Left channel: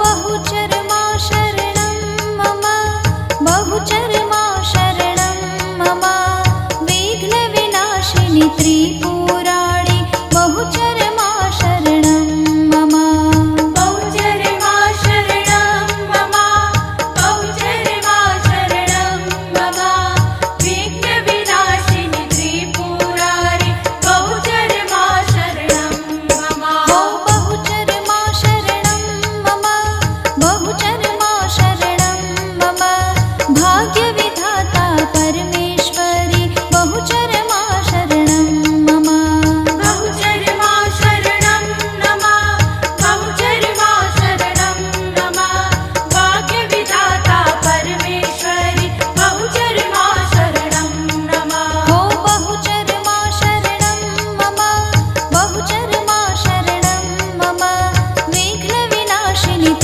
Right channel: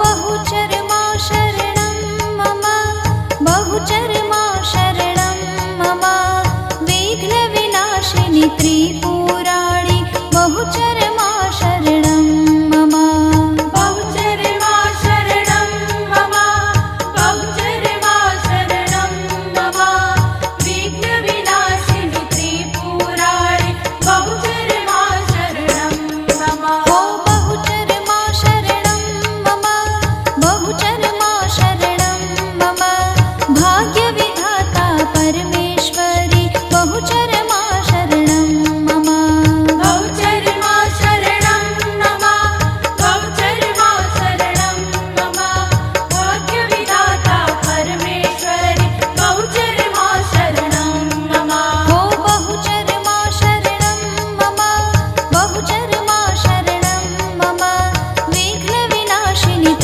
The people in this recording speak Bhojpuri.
बहुचरमा शरणं मम बहुचरमा शरणं मम विघ्नविनाशिनी त्रिपुराणि बहुचरमा शरणं मम बहुचरमा शरणं मम बहुचरमा शरणं मम विघ्नविनाशिनी त्रिपुराणि बहुचरमा शरणं मम बहुचरमा शरणं मम बहुचरमा